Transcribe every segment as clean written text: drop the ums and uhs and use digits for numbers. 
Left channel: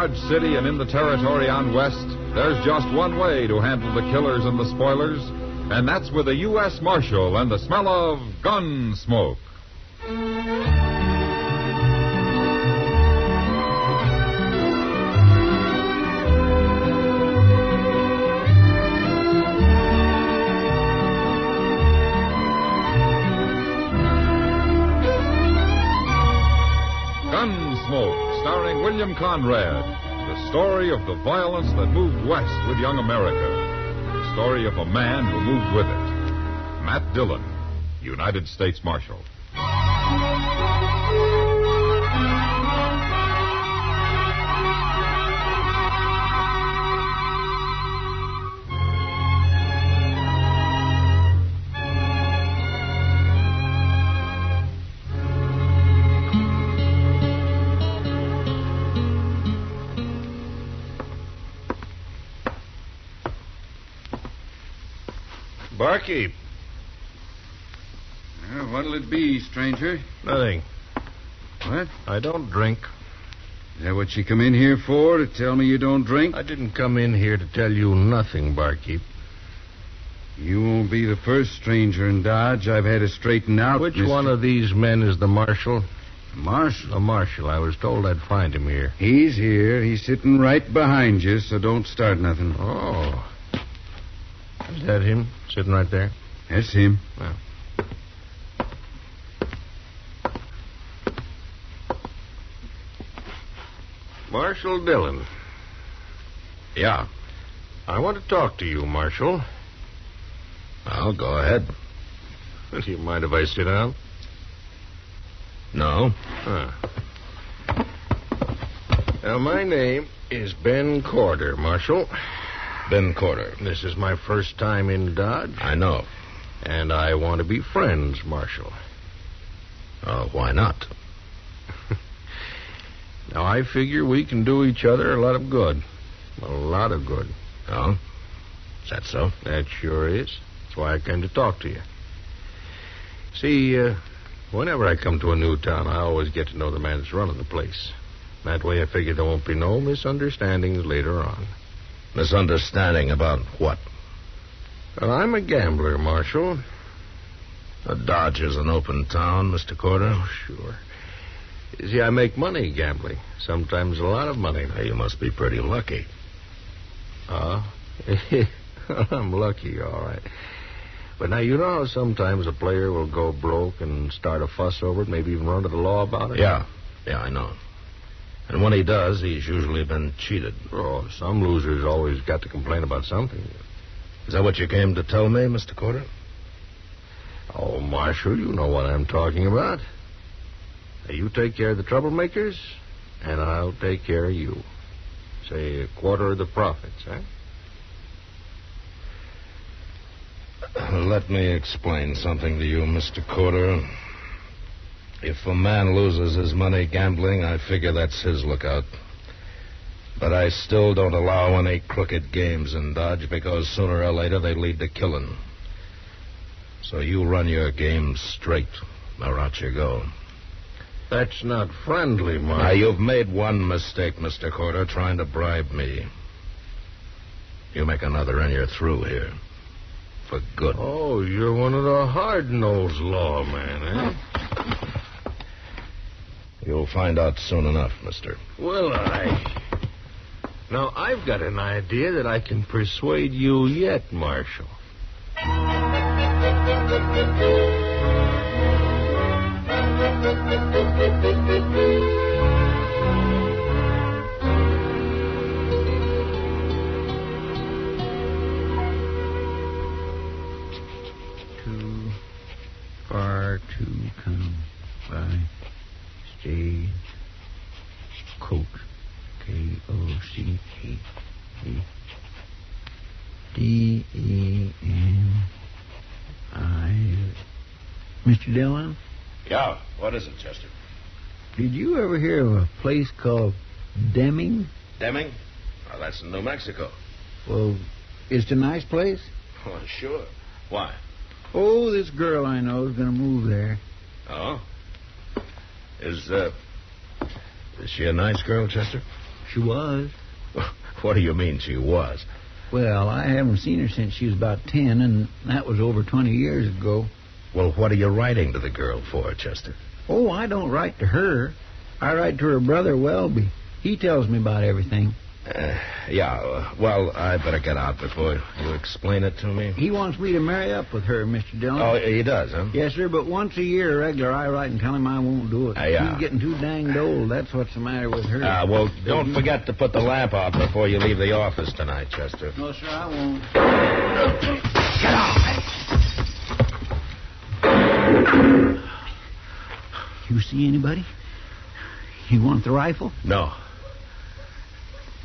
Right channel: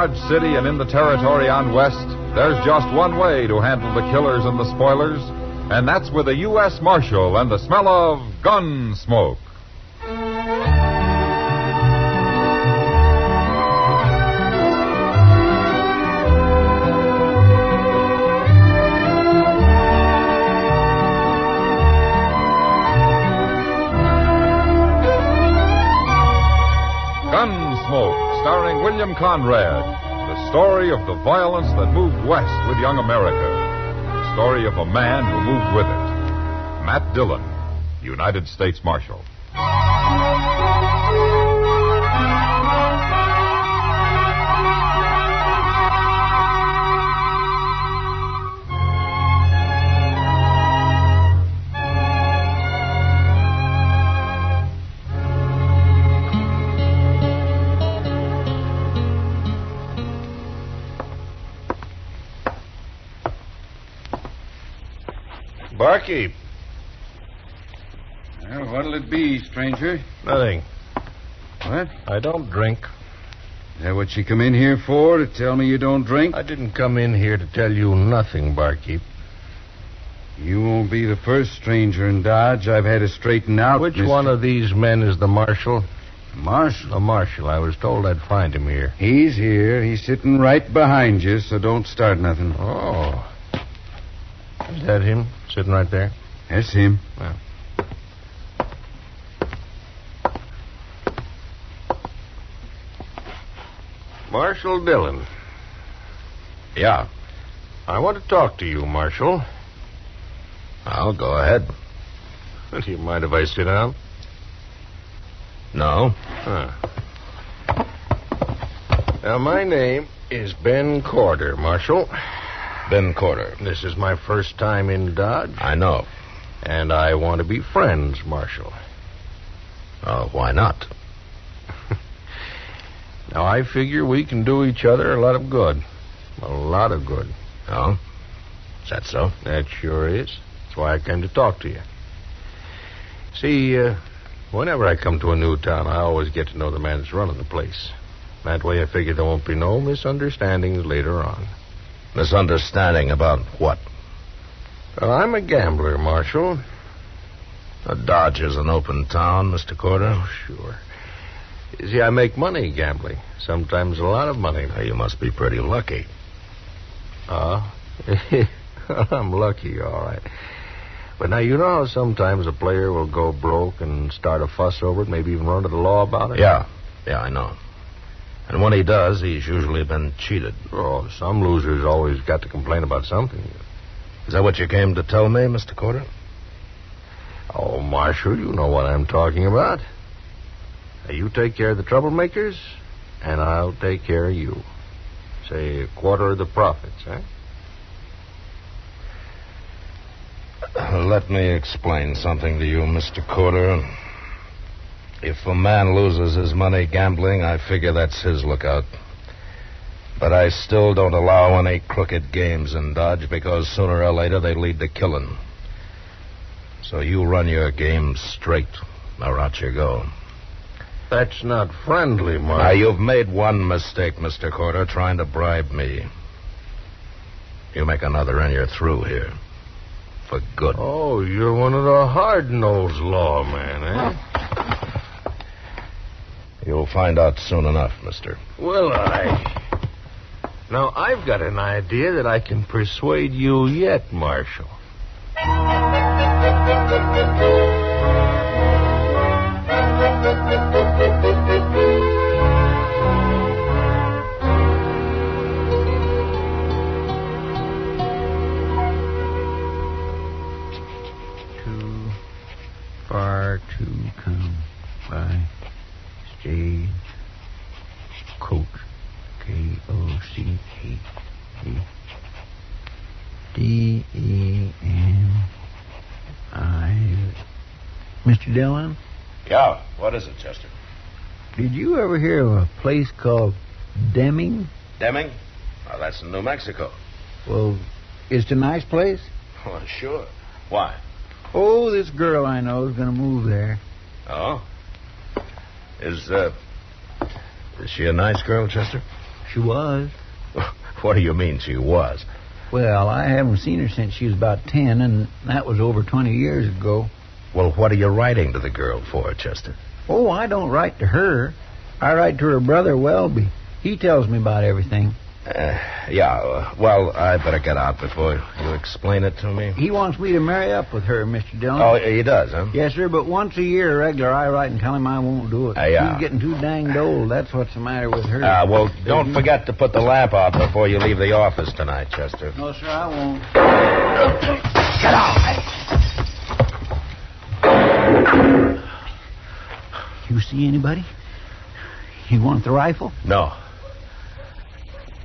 Dodge City and in the territory on west, there's just one way to handle the killers and the spoilers, and that's with a U.S. Marshal and the smell of gun smoke. Gunsmoke, starring William Conrad. The story of the violence that moved west with young America. The story of a man who moved with it. Matt Dillon, United States Marshal. Barkeep. Well, what'll it be, stranger? Nothing. What? I don't drink. Is that what you come in here for, to tell me you don't drink? I didn't come in here to tell you nothing, Barkeep. You won't be the first stranger in Dodge I've had to straighten out. Which one of these men is the marshal? Marshal? The marshal. I was told I'd find him here. He's here. He's sitting right behind you, so don't start nothing. Oh. Is that him, sitting right there? That's him. Well. Marshal Dillon. Yeah. I want to talk to you, Marshal. Well, go ahead. Do you mind if I sit down? No. Huh. Now, my name is Ben Corder, Marshal. Ben Corder. This is my first time in Dodge. I know. And I want to be friends, Marshal. Why not? Now, I figure we can do each other a lot of good. A lot of good. Oh? Is that so? That sure is. That's why I came to talk to you. See, whenever I come to a new town, I always get to know the man that's running the place. That way I figure there won't be no misunderstandings later on. Misunderstanding about what? Well, I'm a gambler, Marshal. Dodge is an open town, Mr. Corder. Oh, sure. You see, I make money gambling. Sometimes a lot of money. Now, you must be pretty lucky. I'm lucky, all right. But now, you know how sometimes a player will go broke and start a fuss over it, maybe even run to the law about it? Yeah, I know. And when he does, he's usually been cheated. Oh, some losers always got to complain about something. Is that what you came to tell me, Mr. Corder? Oh, Marshal, you know what I'm talking about. Now, you take care of the troublemakers, and I'll take care of you. Say, a quarter of the profits, eh? Let me explain something to you, Mr. Corder. If a man loses his money gambling, I figure that's his lookout. But I still don't allow any crooked games in Dodge because sooner or later they lead to killing. So you run your game straight, or out you go. That's not friendly, Mark. Now, you've made one mistake, Mr. Corder, trying to bribe me. You make another and you're through here. For good. Oh, you're one of the hard-nosed lawmen, eh? You'll find out soon enough, mister. Well, Now, I've got an idea that I can persuade you yet, Marshal. Too far to come by stage coke. K-O-C-H-D-E-N-I. Mr. Dillon? Yeah, what is it, Chester? Did you ever hear of a place called Deming? Deming? Oh, that's in New Mexico. Well, it's a nice place. Oh, sure. Why? Oh, this girl I know is going to move there. Oh? Is she a nice girl, Chester? She was. What do you mean she was? Well, I haven't seen her since she was about 10, and that was over 20 years ago. Well, what are you writing to the girl for, Chester? Oh, I don't write to her. I write to her brother, Welby. He tells me about everything. Well, I better get out before you explain it to me. He wants me to marry up with her, Mr. Dillon. Oh, he does, huh? Yes, sir, but once a year, regular, I write and tell him I won't do it. Yeah. He's getting too danged old. That's what's the matter with her. Well, don't forget to put the lamp out before you leave the office tonight, Chester. No, sir, I won't. Get out! You see anybody? You want the rifle? No.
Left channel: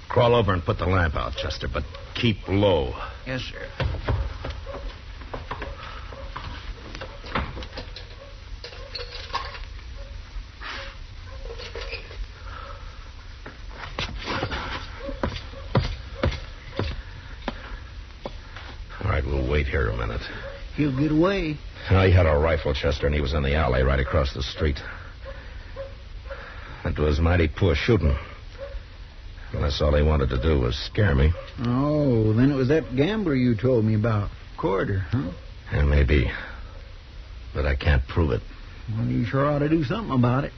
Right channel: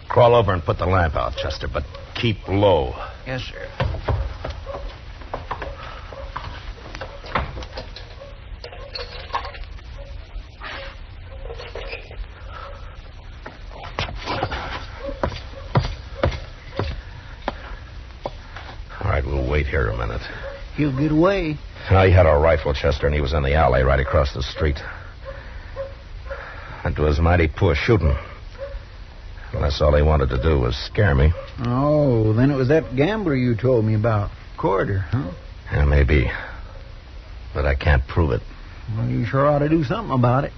Crawl over and put the lamp out, Chester, but keep low. Yes, sir. All right, we'll wait here a minute. He'll get away. He had a rifle, Chester, and he was in the alley right across the street. It was mighty poor shooting. Unless all he wanted to do was scare me. Oh, then it was that gambler you told me about. Corridor, huh? Yeah, maybe. But I can't prove it. Well, you sure ought to do something about it.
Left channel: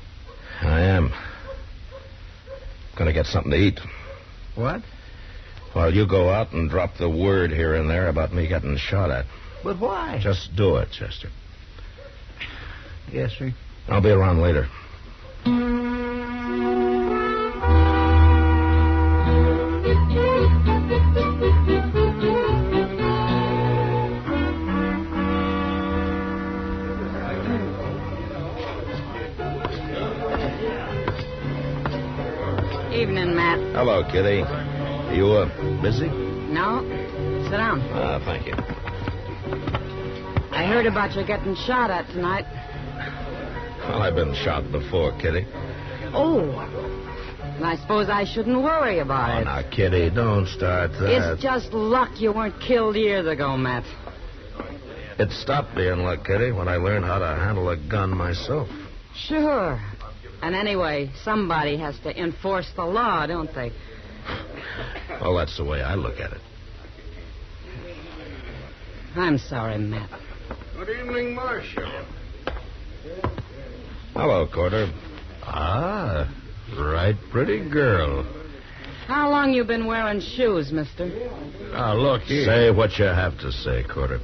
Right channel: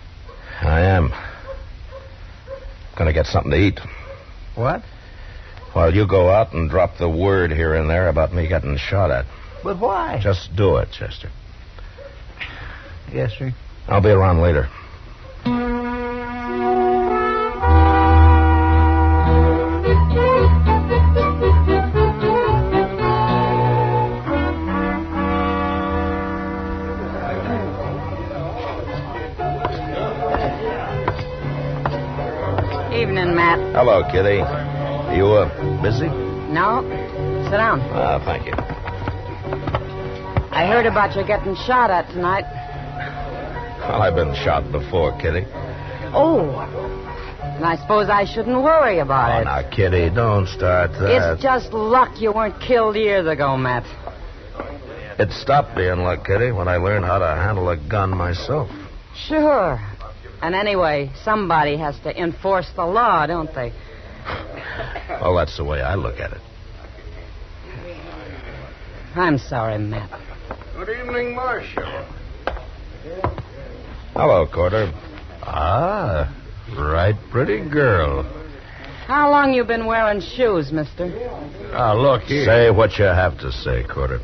I am. Gonna get something to eat. What? While you go out and drop the word here and there about me getting shot at. But why? Just do it, Chester. Yes, sir. I'll be around later. Evening, Matt. Hello, Kitty. You, busy? No? Sit down. Thank you. I heard about you getting shot at tonight. Well, I've been shot before, Kitty. Oh. And I suppose I shouldn't worry about it. Now, Kitty, don't start that. It's just luck you weren't killed years ago, Matt. It stopped being luck, Kitty, when I learned how to handle a gun myself. Sure. And anyway, somebody has to enforce the law, don't they? Well, that's the way I look at it. I'm sorry, Matt. Good evening, Marshal. Hello, Corder. Right pretty girl. How long you been wearing shoes, mister? Look here. Say what you have to say, Corder.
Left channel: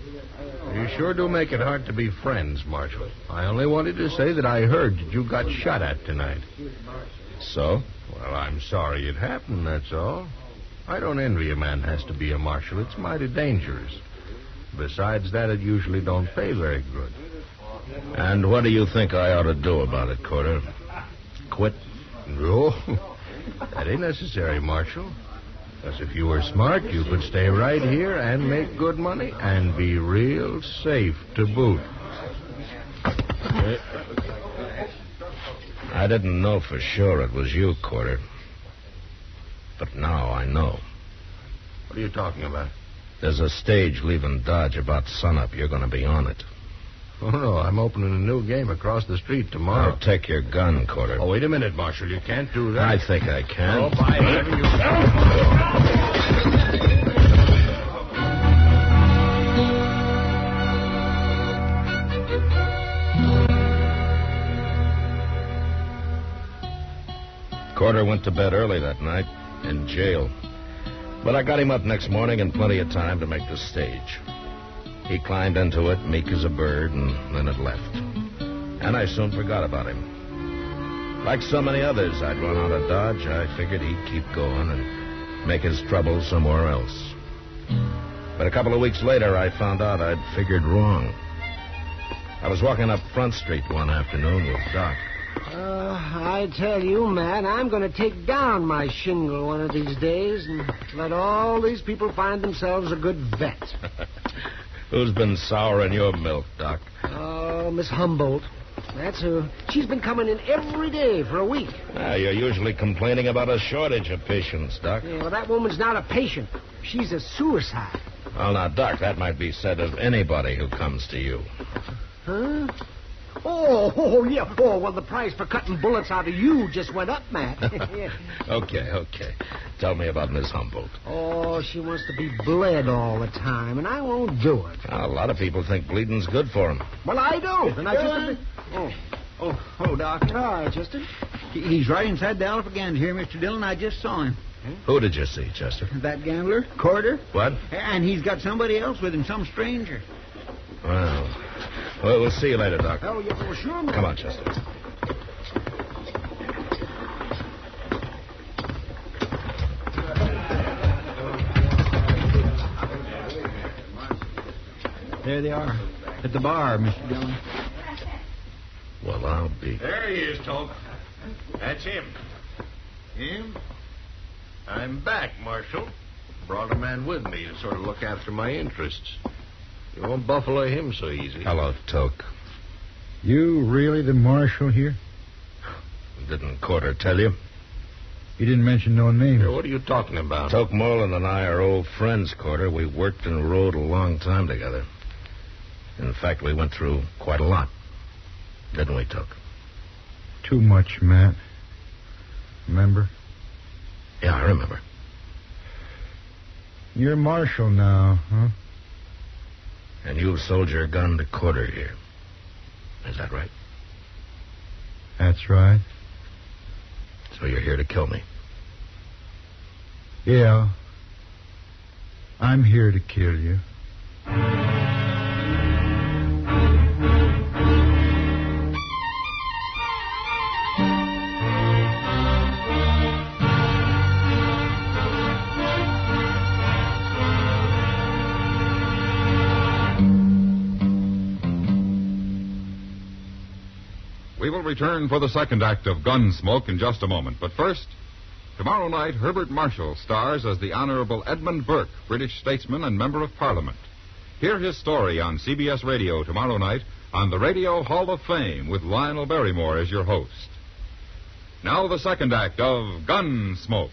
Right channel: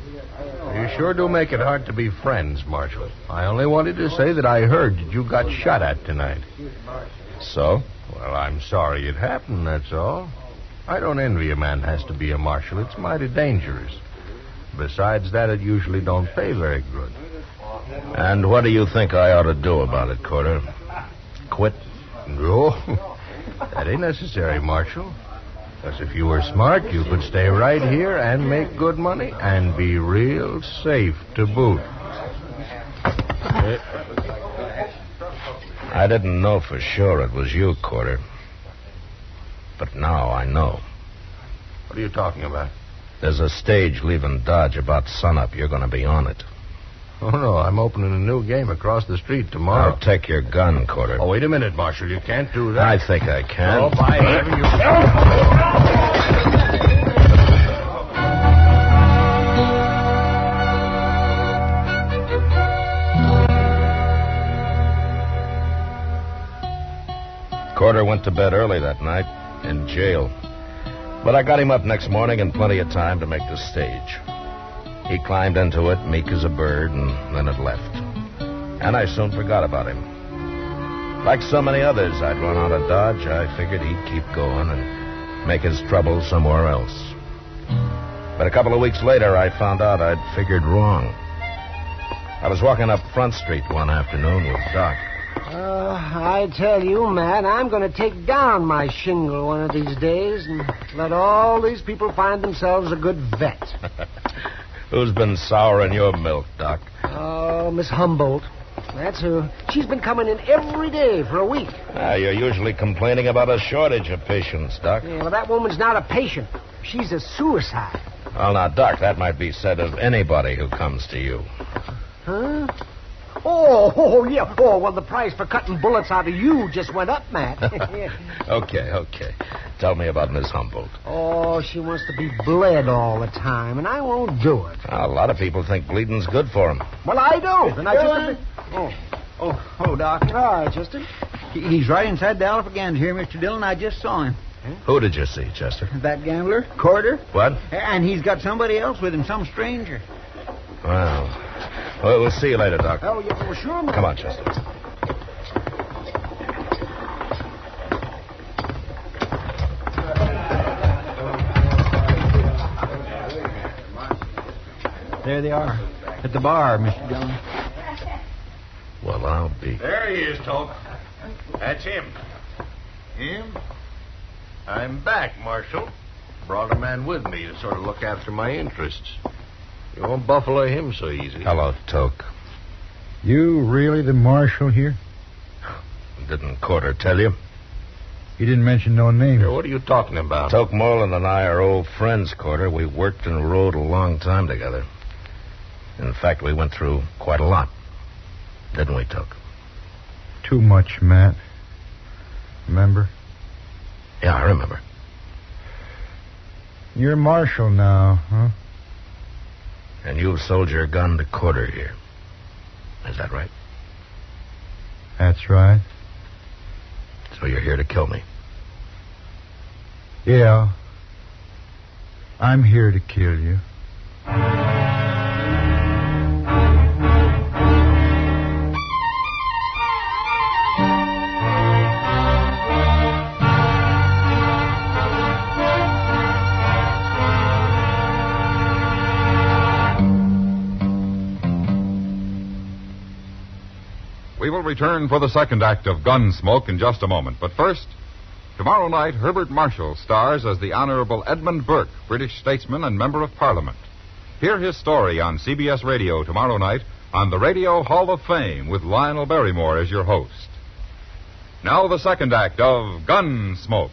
You sure do make it hard to be friends, Marshal. I only wanted to say that I heard that you got shot at tonight. So? Well, I'm sorry it happened, that's all. I don't envy a man has to be a marshal. It's mighty dangerous. Besides that, it usually don't pay very good. And what do you think I ought to do about it, Corder? Quit? No, that ain't necessary, Marshal. But if you were smart, you could stay right here and make good money and be real safe to boot. I didn't know for sure it was you, Corder. But now I know. What are you talking about? There's a stage leaving Dodge about sunup. You're going to be on it. Oh, no, I'm opening a new game across the street tomorrow. I'll take your gun, Corder. Oh, wait a minute, Marshal. You can't do that. I think I can. Oh, by heaven, you... Corder went to bed early that night in jail. But I got him up next morning in plenty of time to make the stage. He climbed into it, meek as a bird, and then it left. And I soon forgot about him. Like so many others I'd run out of Dodge, I figured he'd keep going and make his trouble somewhere else. But a couple of weeks later, I found out I'd figured wrong. I was walking up Front Street one afternoon with Doc. I tell you, Matt, I'm going to take down my shingle one of these days and let all these people find themselves a good vet. Who's been souring your milk, Doc? Oh, Miss Humboldt. That's who. She's been coming in every day for a week. You're usually complaining about a shortage of patients, Doc. Yeah, well, that woman's not a patient. She's a suicide. Well, now, Doc, that might be said of anybody who comes to you. Huh? Oh, yeah. Oh, well, the price for cutting bullets out of you just went up, Matt. Okay. Tell me about Miss Humboldt. Oh, she wants to be bled all the time, and I won't do it. A lot of people think bleeding's good for them. Well, I don't, and I just... Oh, Doc. All right, Chester. He's right inside the Alpha here, Mr. Dillon. I just saw him. Who did you see, Chester? That gambler, Corder. What? And he's got somebody else with him, some stranger. Well, we'll see you later, Doc. Oh, yeah, well, sure. Come on, Chester. There they are. At the bar, Mr. Dillon. Well, I'll be. There he is, Toke. That's him. Him? I'm back, Marshal. Brought a man with me to sort of look after my interests. You won't buffalo him so easy. Hello, Toke. You really the marshal here? Didn't Corder tell you? He didn't mention no name. Here, what are you talking about? Toke Moreland and I are old friends, Corder. We worked and rode a long time together. In fact, we went through quite a lot. Didn't we, Toke? Too much, Matt. Remember? Yeah, I remember. You're marshal now, huh? And you sold your gun to Corder here. Is that right? That's right. So you're here to kill me? Yeah. I'm here to kill you. We will return for the second act of Gunsmoke in just a moment. But first, tomorrow night, Herbert Marshall stars as the Honorable Edmund Burke, British statesman and member of Parliament. Hear his story on CBS Radio tomorrow night on the Radio Hall of Fame with Lionel Barrymore as your host. Now the second act of Gunsmoke.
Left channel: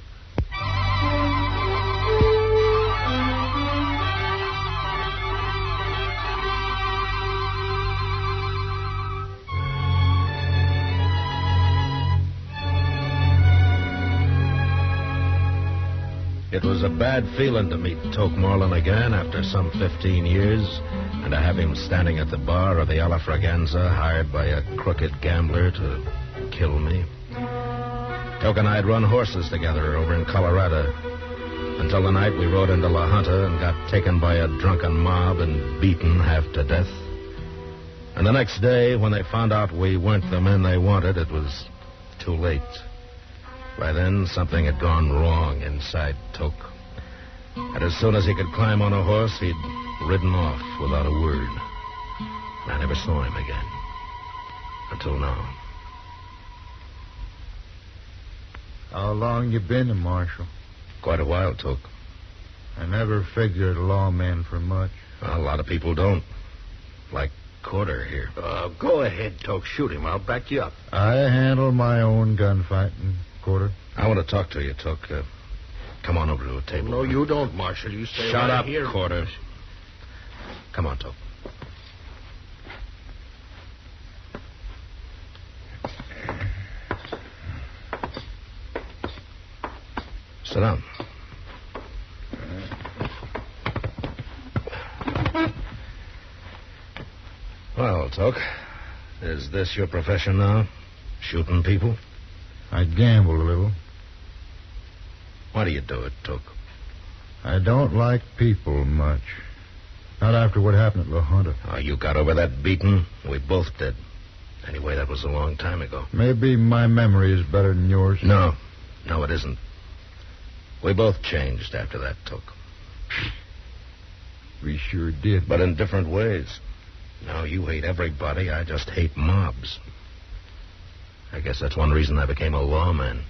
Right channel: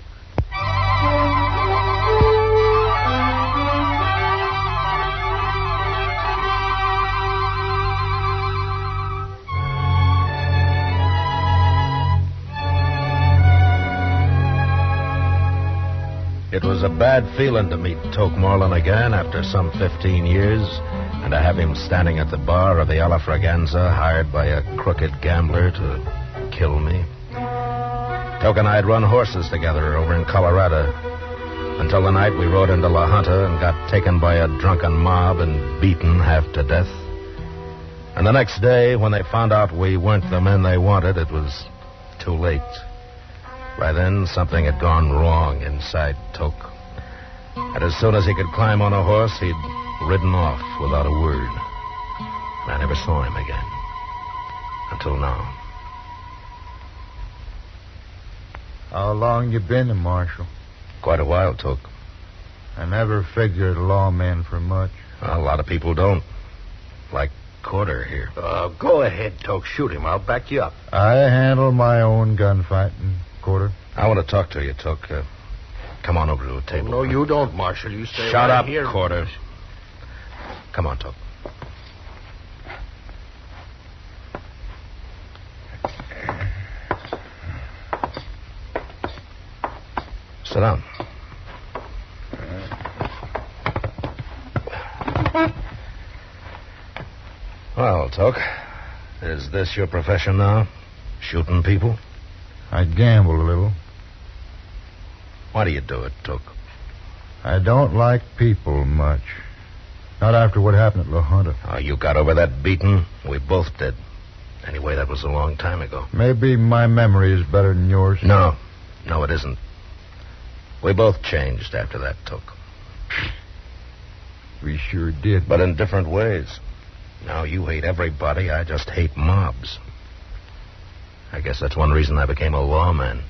It was a bad feeling to meet Toke Moreland again after some 15 years, and to have him standing at the bar of the Alafraganza, hired by a crooked gambler to kill me. Toke and I had run horses together over in Colorado, until the night we rode into La Junta and got taken by a drunken mob and beaten half to death. And the next day, when they found out we weren't the men they wanted, it was too late. By then, something had gone wrong inside Toke. And as soon as he could climb on a horse, he'd ridden off without a word. I never saw him again. Until now. How long you been a marshal? Quite a while, Toke. I never figured a lawman for much. A lot of people don't. Like Corder here. Go ahead, Toke. Shoot him. I'll back you up. I handle my own gunfighting, Corder. I want to talk to you, Toke. Come on over to the table. No, you don't, Marshal. You stay Shut right up, here. Corder. Come on, Toke. Sit down. Well, Toke, is this your profession now? Shooting people? I gamble a little. Why do you do it, Toke? I don't like people much. Not after what happened at La Junta. Oh, you got over that beating? We both did. Anyway, that was a long time ago. Maybe my memory is better than yours. No, it isn't. We both changed after that, Toke. We sure did. But in different ways. Now you hate everybody. I just hate mobs. I guess that's one reason I became a lawman.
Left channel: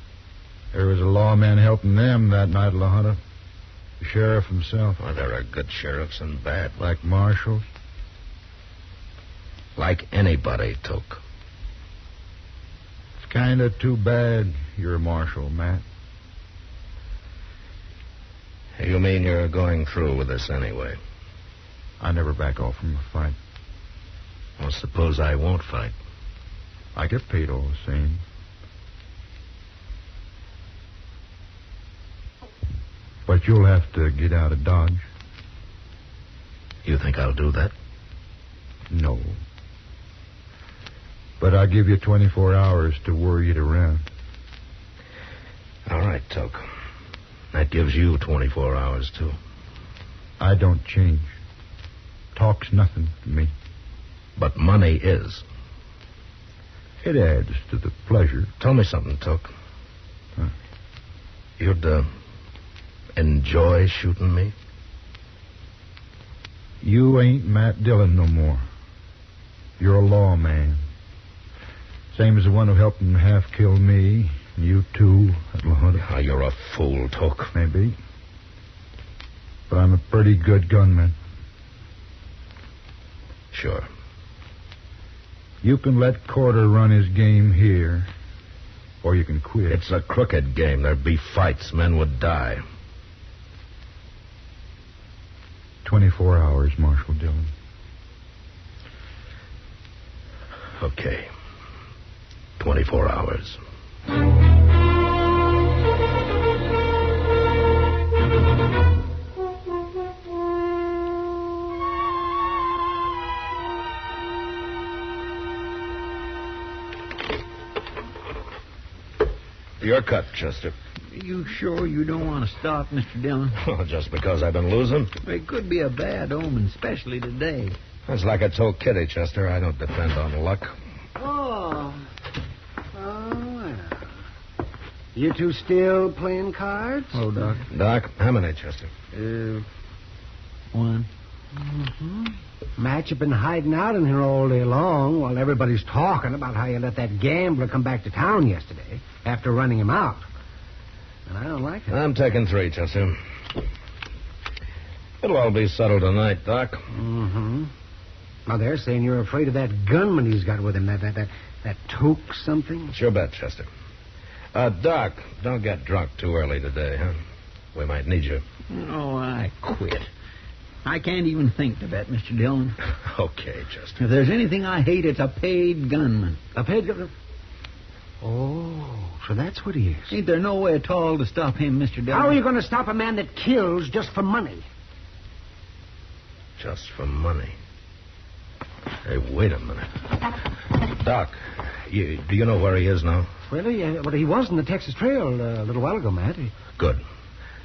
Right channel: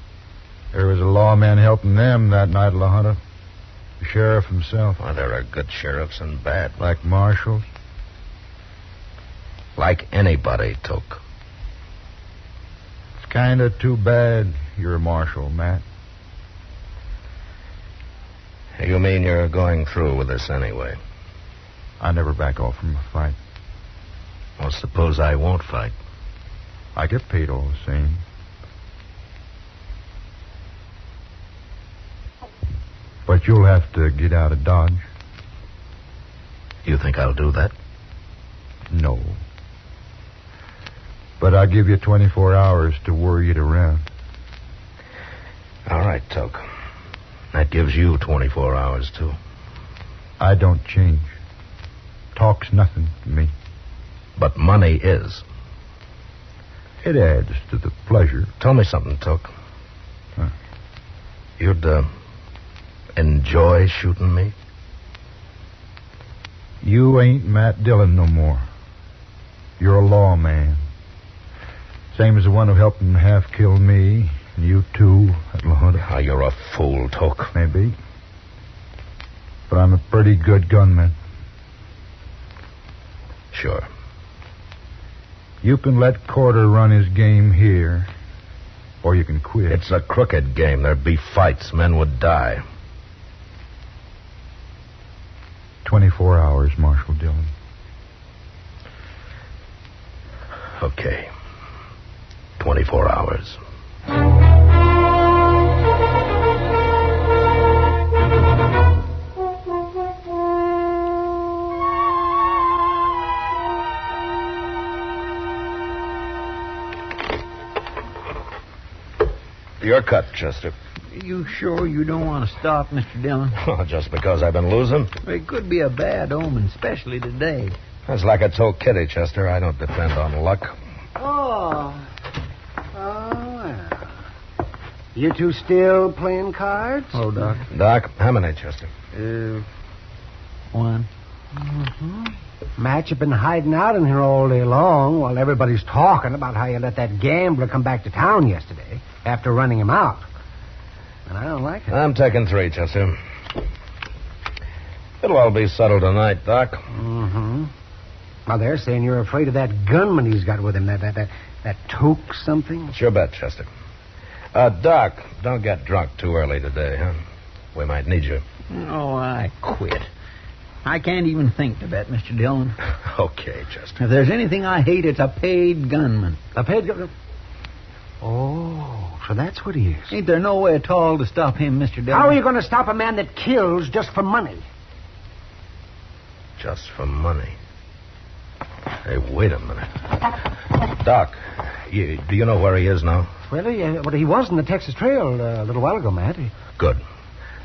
There was a lawman helping them that night at La Junta. The sheriff himself. Well, there are good sheriffs and bad. Like marshals? Like anybody, Toke. It's kind of too bad you're a marshal, Matt. You mean you're going through with this anyway? I never back off from a fight. Well, suppose I won't fight. I get paid all the same. But you'll have to get out of Dodge. You think I'll do that? No. But I'll give you 24 hours to worry it around. All right, Toke. That gives you 24 hours, too. I don't change. Talk's nothing to me. But money is. It adds to the pleasure. Tell me something, Toke. Huh? You'd, enjoy shooting me? You ain't Matt Dillon no more. You're a lawman. Same as the one who helped him half kill me, and you too, at La Junta. Oh, you're a fool, Toke. Maybe. But I'm a pretty good gunman. Sure. You can let Corder run his game here, or you can quit. It's a crooked game. There'd be fights. Men would die. 24 hours, Marshal Dillon. Okay. 24 hours. Your cut, Chester. You sure you don't want to stop, Mr. Dillon? Oh, just because I've been losing? It could be a bad omen, especially today. That's like I told Kitty, Chester. I don't depend on luck. Oh. Well. You two still playing cards? Oh, Doc. Doc, how many, Chester? One. Mm-hmm. Matt, you've been hiding out in here all day long while everybody's talking about how you let that gambler come back to town yesterday after running him out. And I don't like it. I'm taking 3, Chester. It'll all be settled tonight, Doc. Mm-hmm. Now, they're saying you're afraid of that gunman he's got with him, that Toke something. Sure bet, Chester. Doc, don't get drunk too early today, huh? We might need you. Oh, I quit. I can't even think of that, Mr. Dillon. Okay, Chester. If there's anything I hate, it's a paid gunman. A paid gunman? Oh, so that's what he is. Ain't there no way at all to stop him, Mr. Dillon? How are you going to stop a man that kills just for money? Just for money? Hey, wait a minute. Doc, do you know where he is now? Well, he was in the Texas Trail a little while ago, Matt. Good.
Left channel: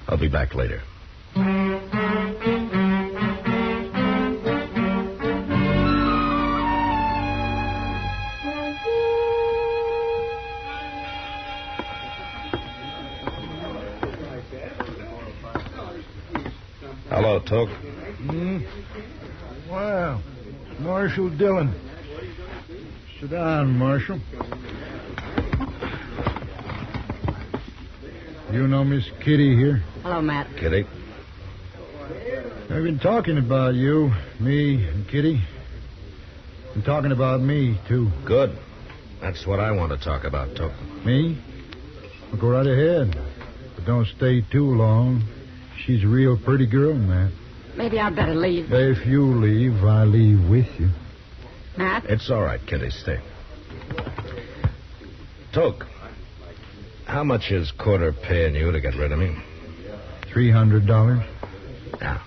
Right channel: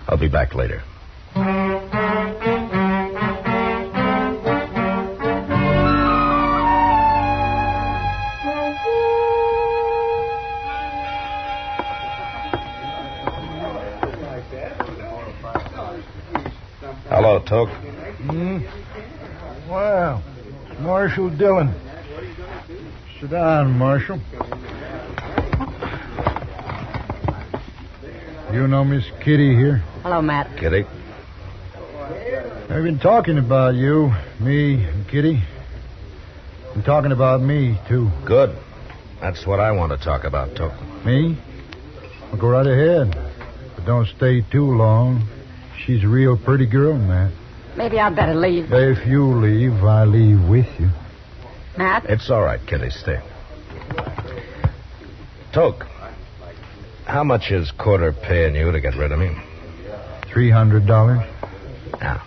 I'll be back later. Hello, Toke. Well, Marshal Dillon. Sit down, Marshal. You know Miss Kitty here? Hello, Matt. Kitty? I've been talking about you, me and Kitty. Been talking about me, too. Good. That's what I want to talk about, Toke. Me? Well, go right ahead. But don't stay too long. She's a real pretty girl, Matt. Maybe I'd better leave. If you leave, I leave with you. Matt? It's all right, Kitty. Stay. Toke, how much is Corder paying you to get rid of me? $300 Yeah.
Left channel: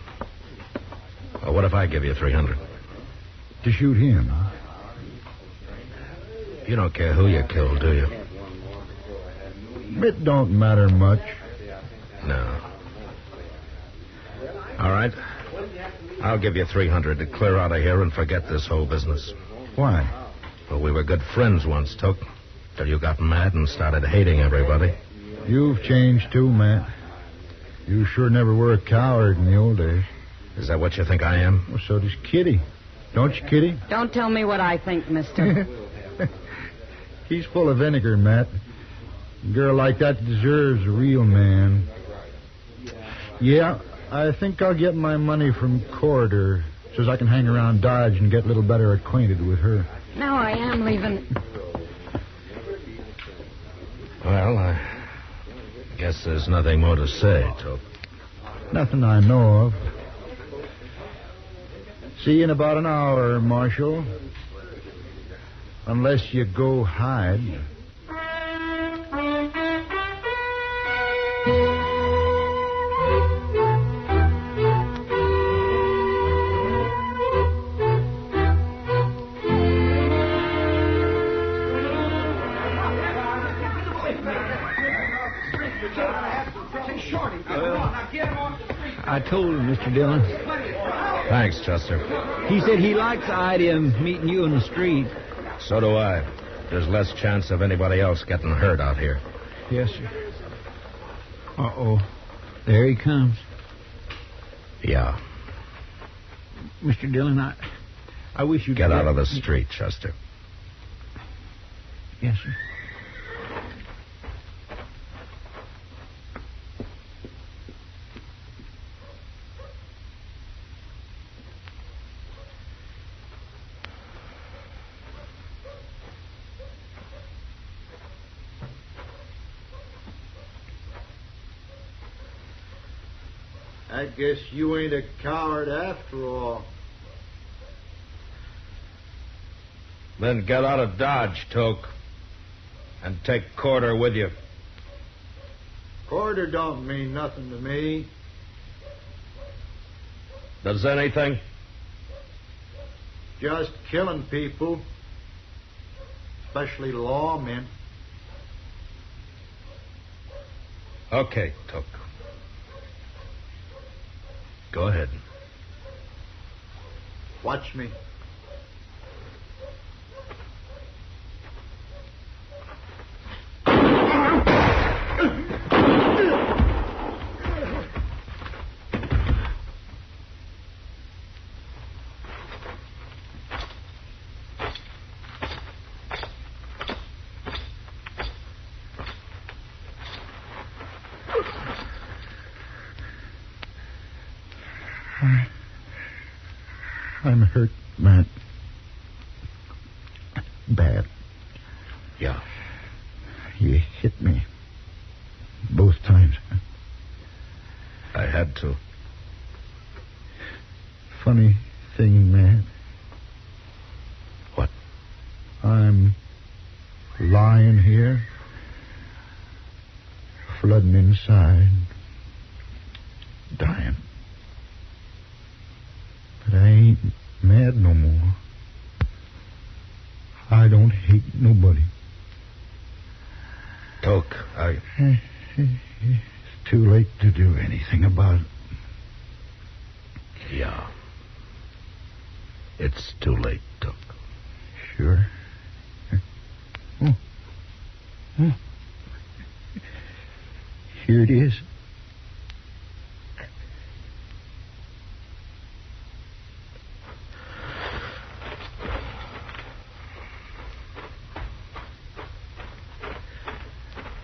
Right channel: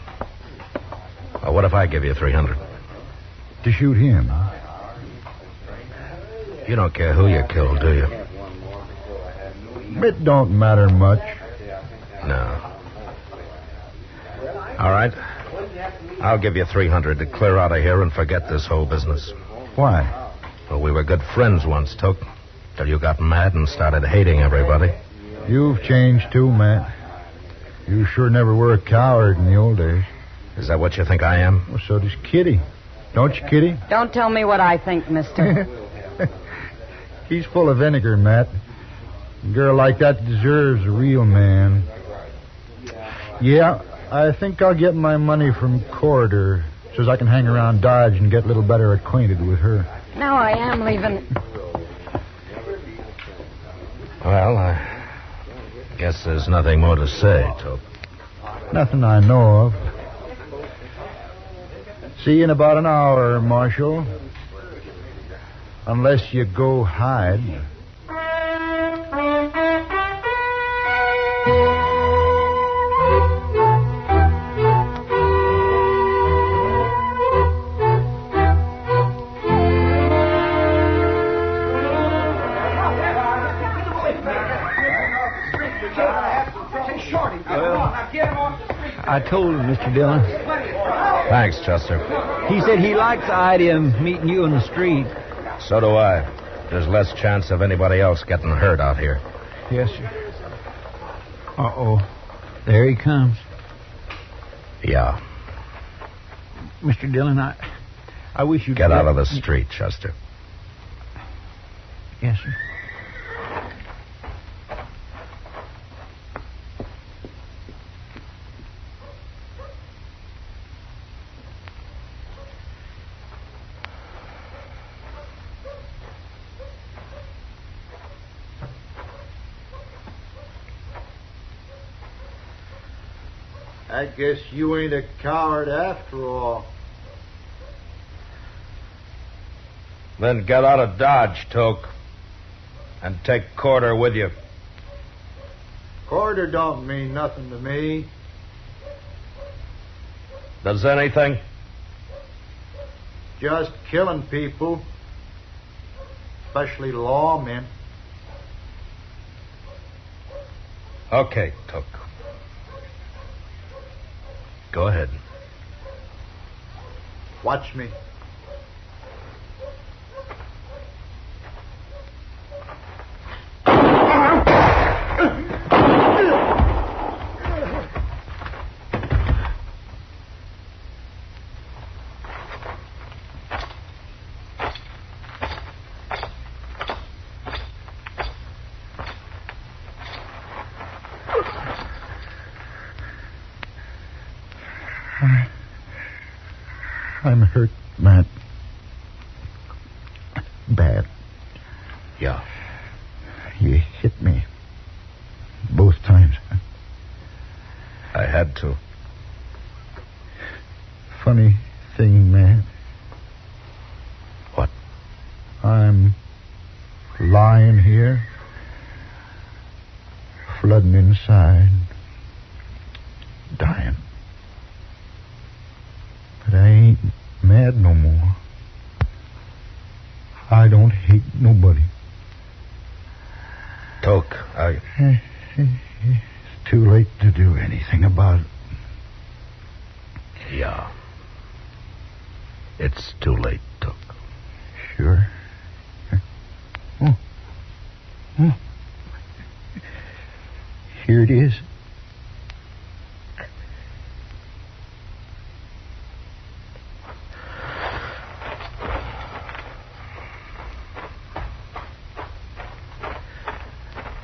Well, what if I give you $300? to shoot him. You don't care who you kill, do you? It don't matter much. No. All right. I'll give you $300 to clear out of here and forget this whole business. Why? Well, we were good friends once, Toke, till you got mad and started hating everybody. You've changed too, Matt. You sure never were a coward in the old days. Is that what you think I am? Well, so does Kitty. Don't you, Kitty? Don't tell me what I think, mister. He's full of vinegar, Matt. A girl like that deserves a real man. Yeah, I think I'll get my money from Corder so I can hang around Dodge and get a little better acquainted with her. Now I am leaving. Well, I guess there's nothing more to say, Toke. Nothing I know of. See you in about an hour, Marshal. Unless you go hide. I told him, Mr. Dillon. Thanks, Chester. He said he likes the idea of meeting you in the street. So do I. There's less chance of anybody else getting hurt out here. Yes, sir. Uh-oh. There he comes. Yeah. Mr. Dillon, I wish you'd... Get out of the street, Chester. Yes, sir. I guess you ain't a coward after all. Then get out of Dodge, Toke. And take Corder with you. Corder don't mean nothing to me. Does anything? Just killing people. Especially lawmen. Okay, Toke. Go ahead. Watch me. I'm hurt, Matt. Bad. Yeah. You hit me. Both times. I had to. Funny thing, Matt. What? I'm lying here, flooding inside, dying. But I ain't mad no more. I don't hate nobody. Toke, It's too late to do anything about it. Yeah. It's too late, Toke. Sure. Here it is.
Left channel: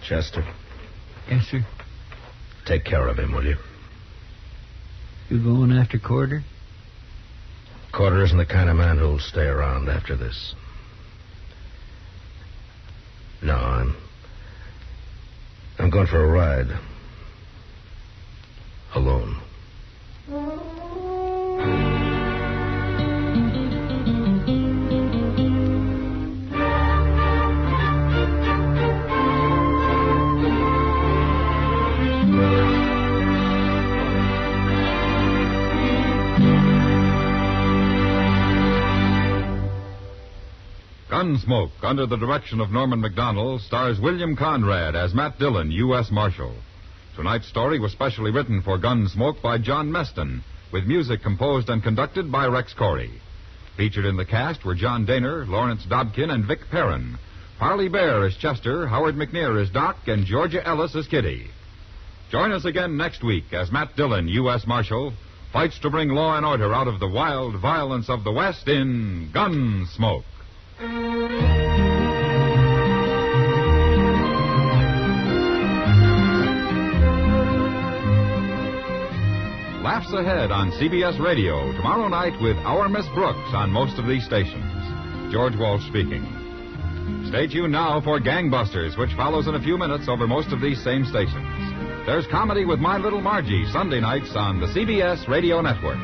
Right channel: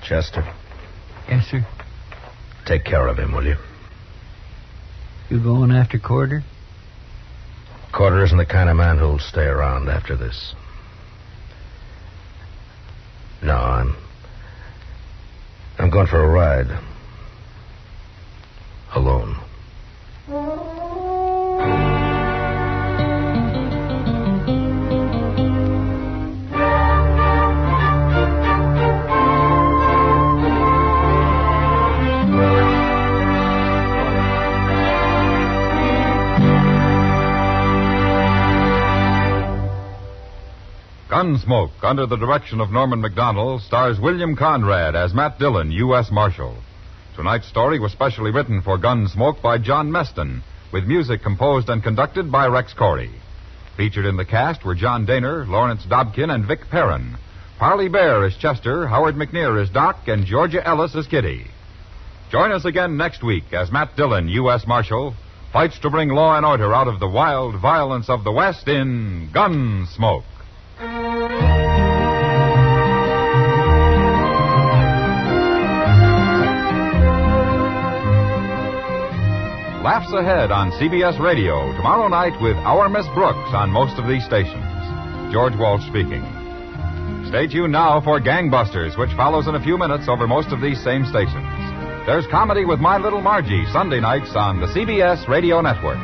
Chester, Yes, sir. take care of him, will you? You going after Corder? Corder isn't the kind of man who'll stay around after this. No, I'm going for a ride. Alone. Gunsmoke, under the direction of Norman MacDonnell, stars William Conrad as Matt Dillon, U.S. Marshal. Tonight's story was specially written for Gunsmoke by John Meston, with music composed and conducted by Rex Corey. Featured in the cast were John Daner, Lawrence Dobkin, and Vic Perrin. Parley Baer as Chester, Howard McNear as Doc, and Georgia Ellis as Kitty. Join us again next week as Matt Dillon, U.S. Marshal, fights to bring law and order out of the wild violence of the West in Gunsmoke. Laughs Ahead on CBS Radio tomorrow night with Our Miss Brooks on most of these stations. George Walsh speaking. Stay tuned now for Gangbusters, which follows in a few minutes over most of these same stations. There's comedy with My Little Margie Sunday nights on the CBS Radio Network.